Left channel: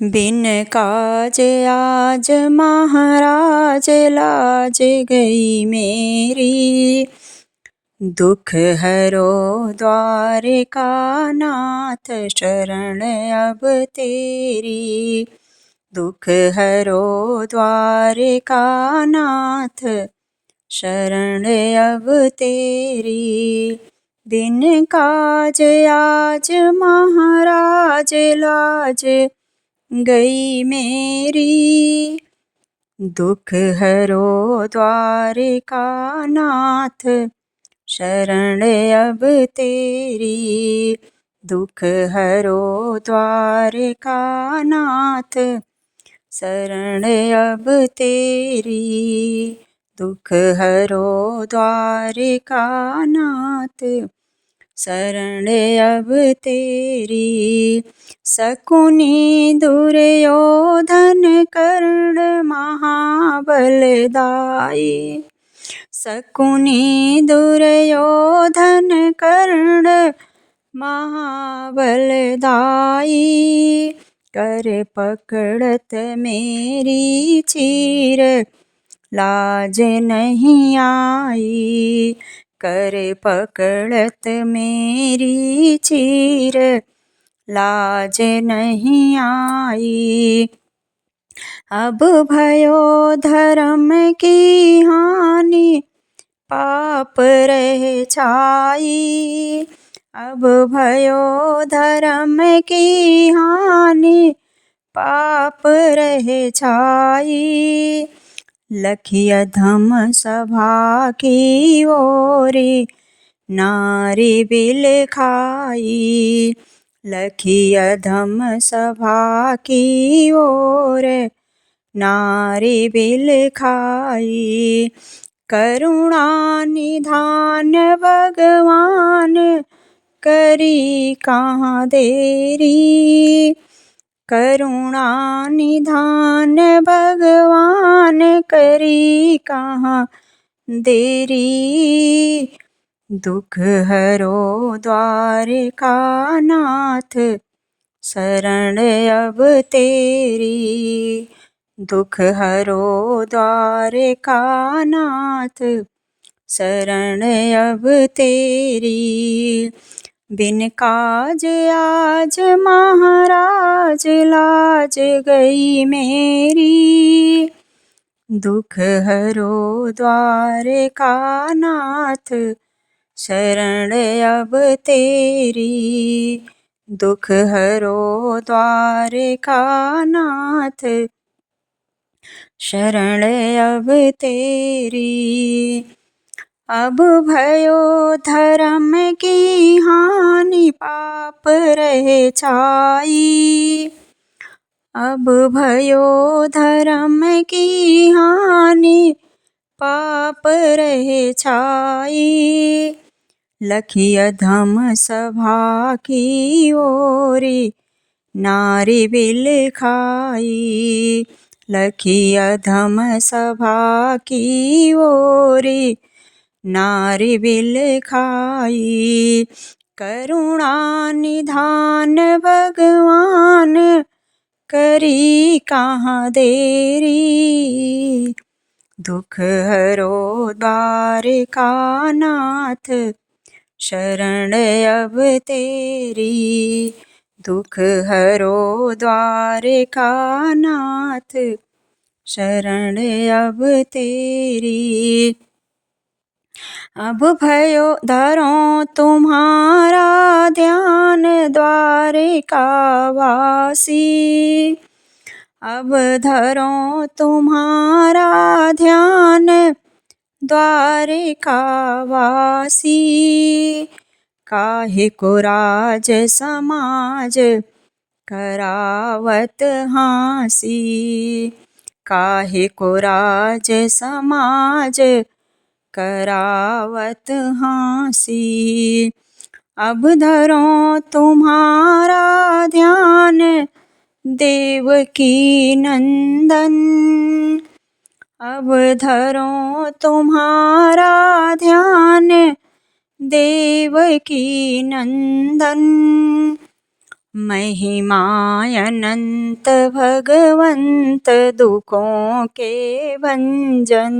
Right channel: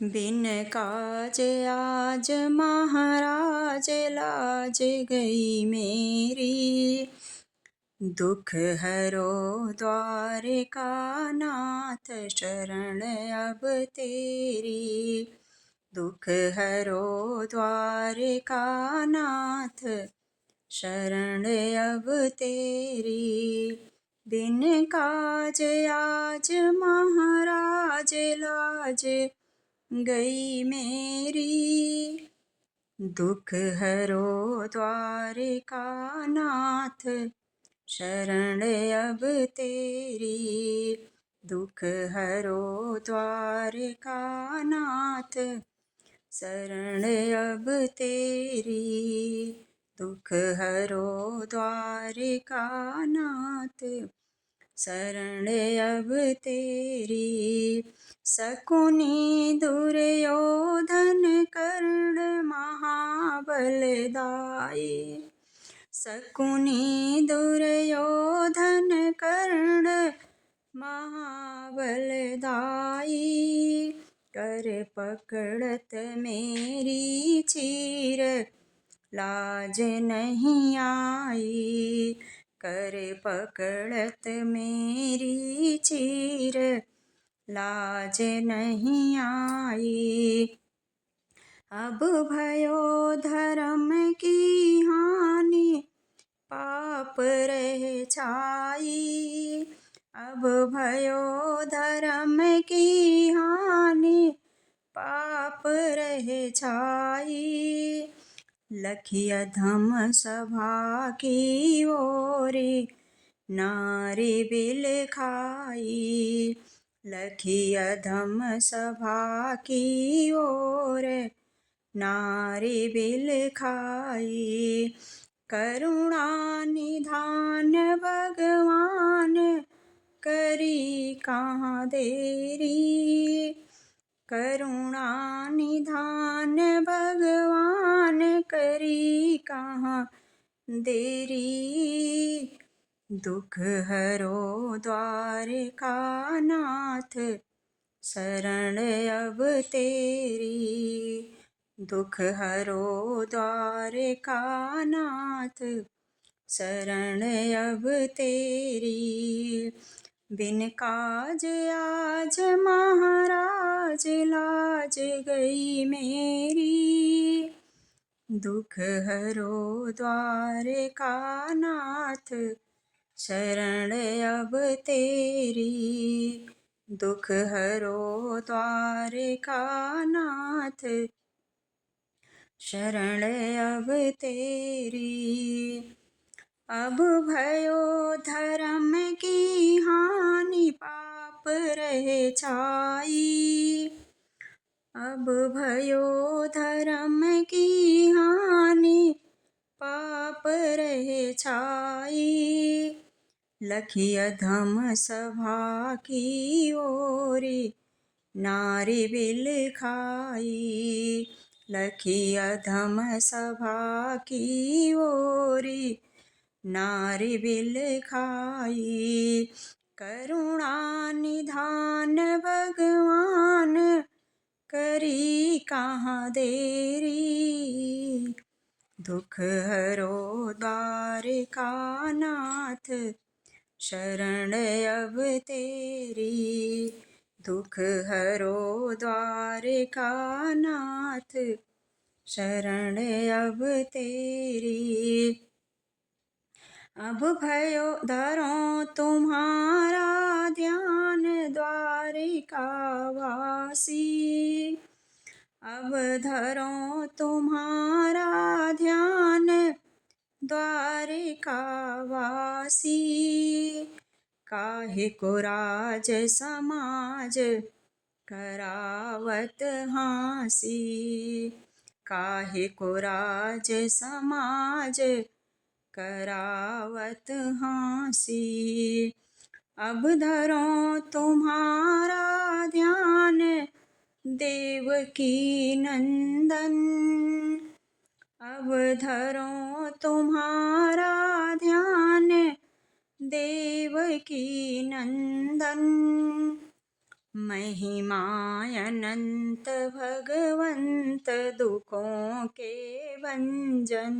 बिन काज आज महाराज लाज गई मेरी। दुख हरो द्वारिका नाथ शरण अब तेरी। दुख हरो द्वारिका नाथ शरण अब तेरी। बिन काज आज महाराज लाज गई मेरी। दुख हरो द्वारिका नाथ शरण अब तेरी। दुख हरो द्वारिका नाथ शरण अब तेरी। दुख हरो द्वारिका नाथ शरण अब तेरी। शकुनि दुर्योधन कर्ण महाबलदाई। शकुनि दुर्योधन कर्ण महाबलदाई। कर पकड़त मेरी चीर लाज नहीं आई। कर पकड़त मेरी चीर लाज नहीं आई। अब भयो धर्म की हानि पाप रह छाई। अब भयो धर्म की हानि पाप रह छाई। लखिय धम सभा की ओरी नारी बिल खाई। लखिय धम सभा की ओर नारी बिल खाई। करुणा निधान भगवान करी कहाँ देरी। करुणा निधान भगवान करी कहाँ देरी। दुख हरो द्वारिका नाथ शरण अब तेरी। दुख हरो द्वारिका नाथ शरण अब तेरी। बिन काज आज महाराज लाज गई मेरी। दुख हरो द्वारिका नाथ शरण अब तेरी। दुख हरो द्वारिका नाथ शरण अब तेरी। अब भयो धर्म की हानि पाप रह छाई। अब भयो धर्म की हानि पाप रह छाई। लखिय धम सभा की ओरी नारी बिल खाई। लखिय धम सभा की ओरी नारी बिल खाई। करुणा निधान भगवान करी कहाँ देरी। दुख हरो द्वारिका नाथ शरण अब तेरी। दुख हरो द्वारिका नाथ शरण अब तेरी। अब भयो धरो तुम्हारा ध्यान द्वारिका वासी। अब धरो तुम्हारा ध्यान द्वारिका वासी। काहे को राज समाज करावत हाँसी। काहे को राज समाज करावत हाँसी। अब धरो तुम्हारा ध्यान देवकी नंदन। अब धरो तुम्हारा ध्यान देवकी नंदन। महिमा अनंत भगवंत दुखों के भंजन।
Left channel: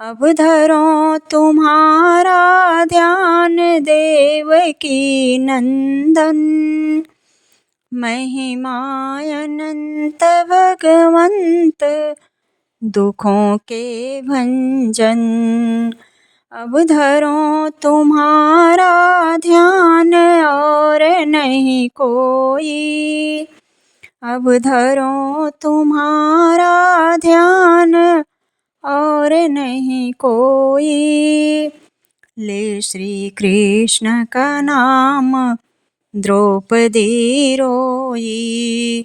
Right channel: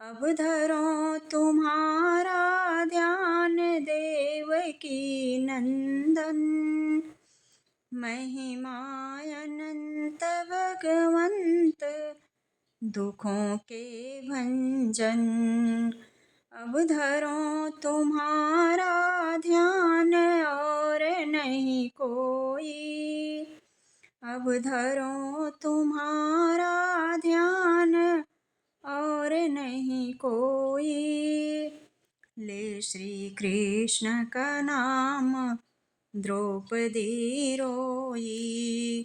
अब धरो तुम्हारा ध्यान देवकी नंदन। महिमा अनंत भगवंत दुखों के भंजन। अब धरो तुम्हारा ध्यान और नहीं कोई। अब धरो तुम्हारा ध्यान और नहीं कोई। ले श्री कृष्ण का नाम द्रौपदी रोई।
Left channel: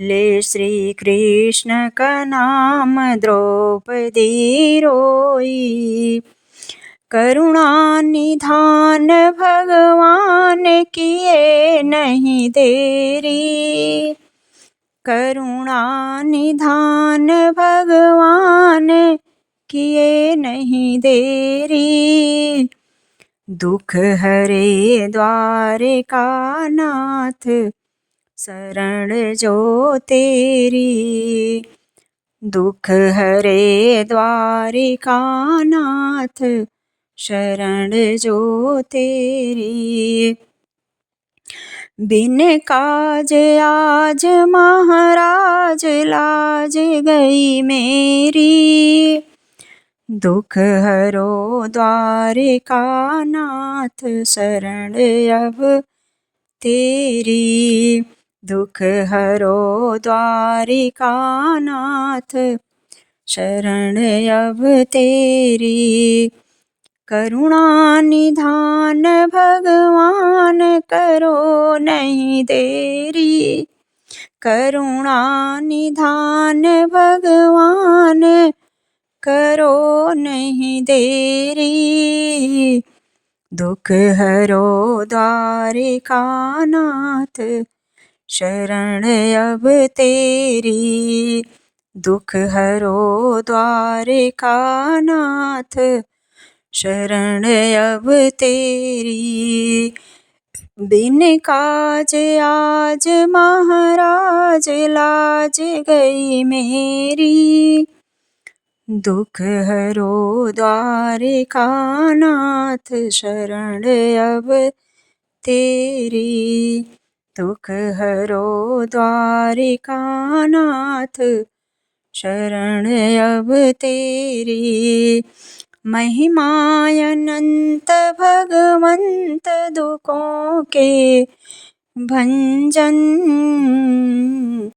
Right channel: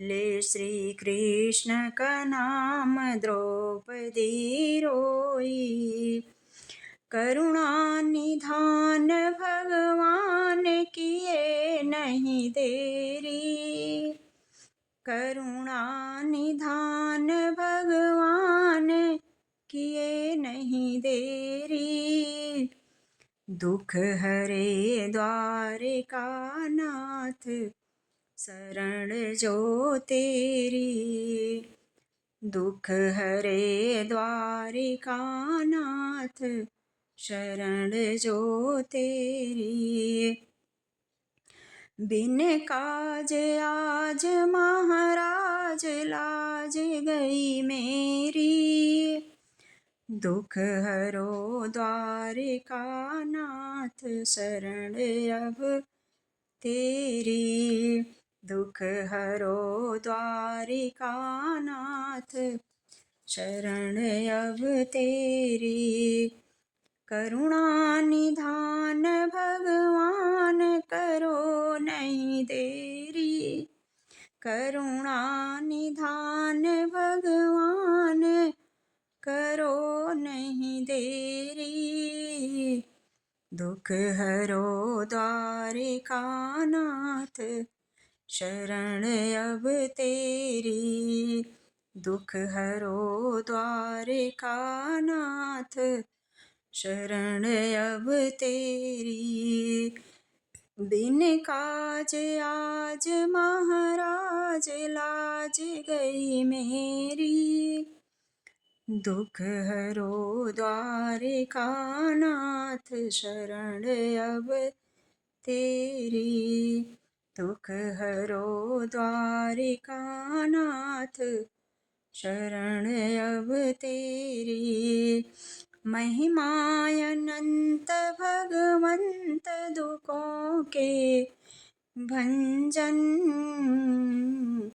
ले श्री कृष्ण का नाम द्रौपदी रोई। करुणा निधान भगवान किए नहीं देरी। करुणा निधान भगवान किए नहीं देरी। दुख हरे द्वारिका नाथ शरण जो तेरी। दुख हरे द्वारिका नाथ शरण जो तेरी। बिन काज आज महाराज लाज गई मेरी। दुख हरो द्वारिका नाथ शरण अब तेरी। दुख हरो द्वारिका नाथ शरण अब तेरी। करुणा निधान भगवान करो नहीं देरी। करुणा निधान भगवान करो नहीं देरी। दुख हरो द्वारिका नाथ शरण अब तेरी। दुख हरो द्वारिका नाथ शरण अब तेरी। बिन काज आज महाराज लाज गई मेरी। दुख हरो द्वारिका नाथ शरण अब तेरी। दुख हरो द्वारिका नाथ शरण अब तेरी। महिमा अनंत भगवंत दुखों के भंजन।